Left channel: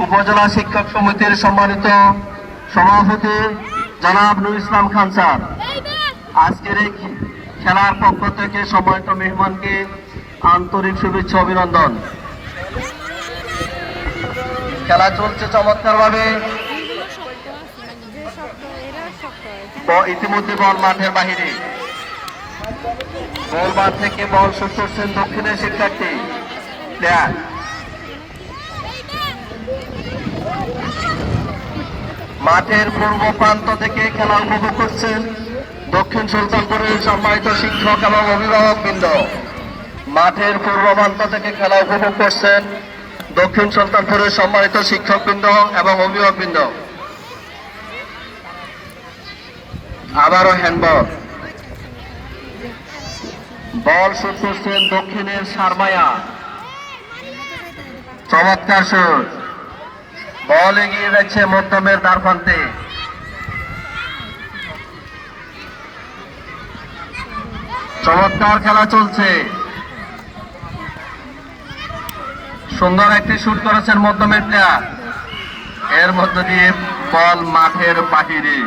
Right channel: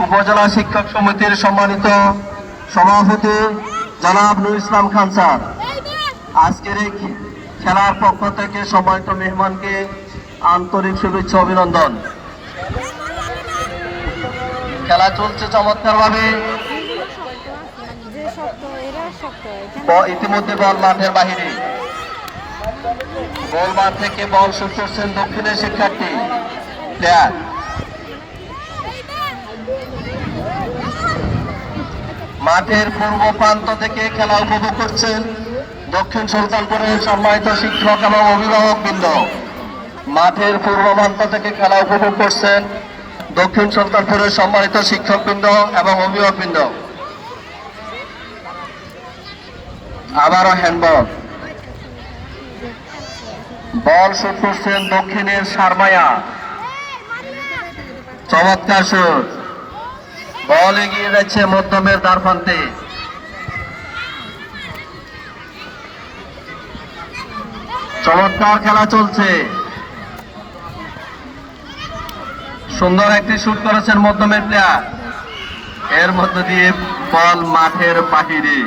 উপজেলা শিক্ষক সমিতির সম্মানিত সভাপতি জনাব নুর ইসলাম খান স্যার, আজকের এই খেলার পক্ষ থেকে সম্মানিত মেহমানকে আন্তরিক শুভেচ্ছা অভিনন্দন। খেলা চলছে চমৎকার ভাবে। ইতিমধ্যে বল মাঠের বাহিরে, গোল মাঠ থেকে বল শুট করছেন দক্ষিণের শিক্ষার্থী প্লেয়ার। মাঠের পূর্ব প্রান্ত থেকে খেলা উপভোগ করছেন দক্ষিণ সুলতানপুরের সম্মানিত শিক্ষক এবং অভিভাবক বৃন্দ। মাঠের পূর্ব প্রান্ত থেকে খেলা উপভোগ করছেন দক্ষিণ সুলতানপুরের সম্মানিত শিক্ষক বৃন্দ এবং অভিভাবক বৃন্দ। আবারও হ্যান্ডবল, বল শুট করছেন দক্ষিণের সারমায়া, চমৎকার শুট। বল এগিয়ে যাচ্ছে মধ্যমের দ্বারপ্রান্তে। চমৎকার খেলা চলছে, সুন্দর একটি শুট করেছেন মধ্যমের প্লেয়ার, এর মধ্য দিয়ে বল মাঠের বাহিরে।